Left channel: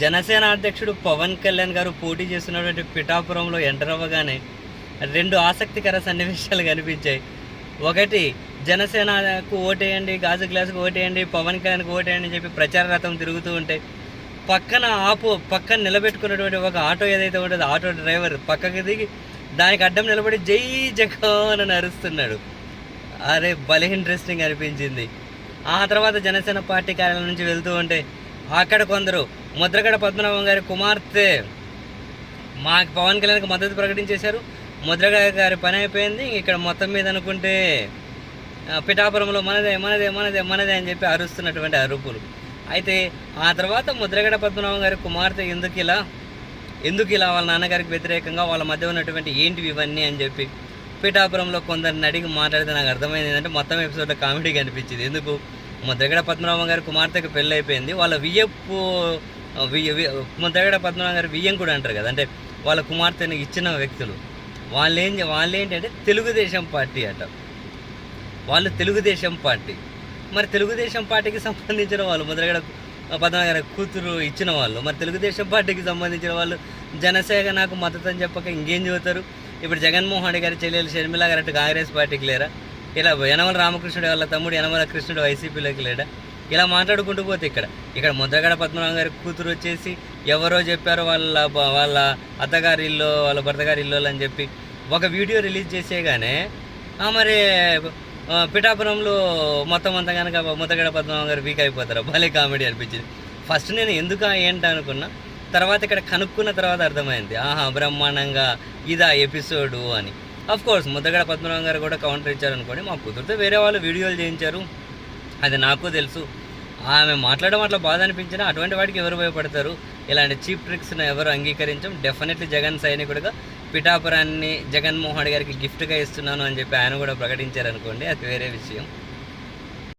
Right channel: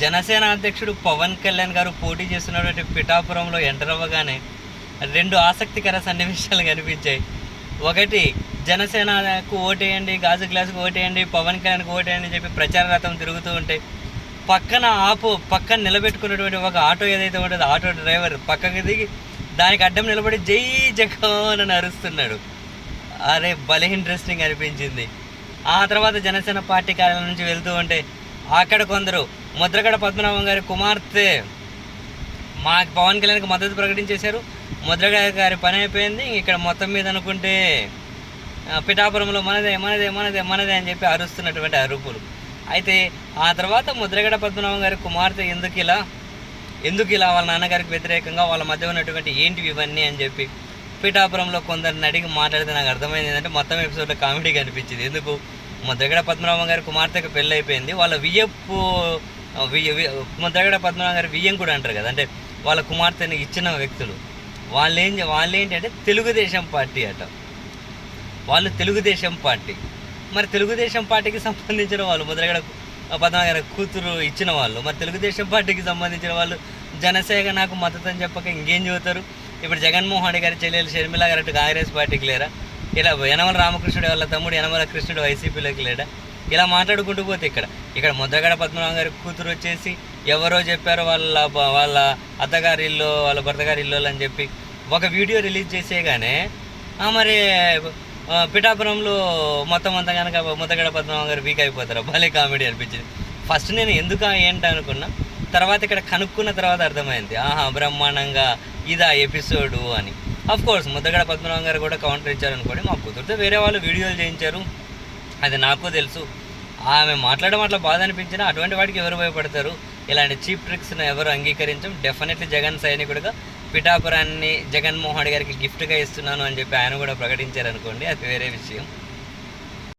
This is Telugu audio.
జనసేన అధ్యక్షుడు పవన్ కళ్యాణ్ గారు పోటీ చేస్తున్నటువంటి పిఠాపురంలో ఎంటర్ అవ్వగానే రెండు ఆసక్తికర సన్నివేశాలు కనిపించాయి. ఒకటి జనసేనకు ఓటేయండి గాజు గ్లాసుకు ఓటేయండి పవన్ కళ్యాణ్కి ఓటేయండి అని చెప్పి ప్రచార రథం తిరుగుతూ ఉంటే పక్కన ఆపు పక్కన నిలబెట్టుకున్నటువంటి ఒక ఆటో ఏదైతే ఉంటుందో ఆటో డ్రైవర్ పక్కకి దిగి దానికి అడ్డం నిలబడి జై జగన్ అని అరుస్తున్నాడు. అరే భలే ఇంట్రెస్టింగ్ అనిపించింది ఆ తర్వాత జనసేన పార్టీ కార్యాలయం నుంచి వెళ్తూ ఉంటే అక్కడ కొందరు ముద్రగడ పద్మనాభం గారి కుమార్తె మా పవన్ కళ్యాణ్కి మద్దతు ప్రకటించేశారు. ముద్రగడ గారి పని అయిపోయింది. ఇక్కడ మొత్తం మీద అనుకుంటే పిఠాపురంలో మనదే మనదే మనదే మనదే అని చెప్పి అరుస్తున్నటువంటి అరుపులు. అయితే ఆ తర్వాత ముద్రగడ పద్మనాభం గారి కుమార్తె ఎందుకు ఇలా ఎందుకు ఇలా వాళ్ళ నాన్నగారికి వ్యతిరేకంగా వాళ్ళ మధ్య ఉన్నటువంటి ఏంటివి ఇవన్నీ అని చెప్పి పిఠాపురంలో కొందరిని అడిగి మాట్లాడితే నాకు అర్థమైంది. ఏంటంటే మొత్తం ఎపిసోడ్లో కామెడీ కనిపించింది. ఎందుకు? ముద్రగడ పద్మనాభం గారి కుమార్తెకి పెళ్ళి అయిపోయింది. వాళ్ళ వియ్యపు వియ్య వి- ముద్రగడ పద్మనాభం గారి వియ్యం కూడా అంటారు కదా. అంటే వాళ్ళ కుమార్తెని ఇచ్చిన వ్యక్తులు. వాళ్ళు ఏం వాళ్ళు ఏంటంటే తెలుగుదేశం పార్టీ అట. వాళ్ళు తెలుగుదేశం పార్టీ. మరి తెలుగుదేశం పార్టీకి సంబంధించిన వాళ్ళు ముద్రగడ పద్మనాభం గారి కూతురు ఇచ్చిన వాళ్ళు మరి తెలుగుదేశం పార్టీకి సంబంధించిన వాళ్ళు జనసేన నాకు మద్దతు అని చెప్పక ఇంకేం చెబుతారు? ఇప్పుడు జగన్మోహన్ రెడ్డి గారి చెల్లెలు షర్మిల గారు అటు కాంగ్రెస్ పార్టీకి లేరా? ఇలా యనమల రామకృష్ణుడు వాళ్ళ తమ్ముడు యనమల కృష్ణుడు వైసీపీలోకి లేడా? ఇలా మాట్లాడుకుంటూ పోతే ఇక్కడ ఇక్కడ ముద్దగడ పద్మనాభం గారి కూతురు వచ్చేసి ఎవరో చెప్పారు వాళ్ళ వాళ్ళ అత్తగారి ఇల్లు వాళ్ళ భర్తగారి ఇల్లు అని చెప్పి ఒక వీడియో రిలీజ్ చేసేగానే ఆ, మరి పిఠాపురంలో మొత్తం అంతా కనుక ముద్దగడ పద్మనాభం గారు వీక్ అయిపోతారు? భలే కామెడీ అనిపించింది. ఫస్ట్ నేను ఎందుకు ఏంటి అనుకున్నా తర్వాత ఇక్కడ కనుక్కున్న తర్వాత అర్థమైంది. ఆహా బ్రహ్మాండంగా ఇదా ఎపిసోడు అని. అఫ్ కోర్స్ ముద్దగడ పద్మనాభం గారు కూడా కౌంటర్ ఇచ్చారు అనుకోండి మా కుదిరితే వేరే వాళ్ళు వీడియోలు చేయించారు. అది నాకు తెలుసు. ఆమె మాట్లాడడం అట్లా బాధ అనిపించినా అటువంటి వాటికి ఎవరు భయపడతారు? ఇలాంటి చీప్ ట్రిక్స్ను ఎవరు అంగీకరించం? డెఫినెట్లీ జగన్ సైనికుడిగా పిఠాపురాన్ని జగన్మోహన్ గారికి గిఫ్ట్గా ఇస్తున్నాను అని చెప్పి ఆయన కూడా ప్రకటించారు అనుకోండి అది వేరే విషయం.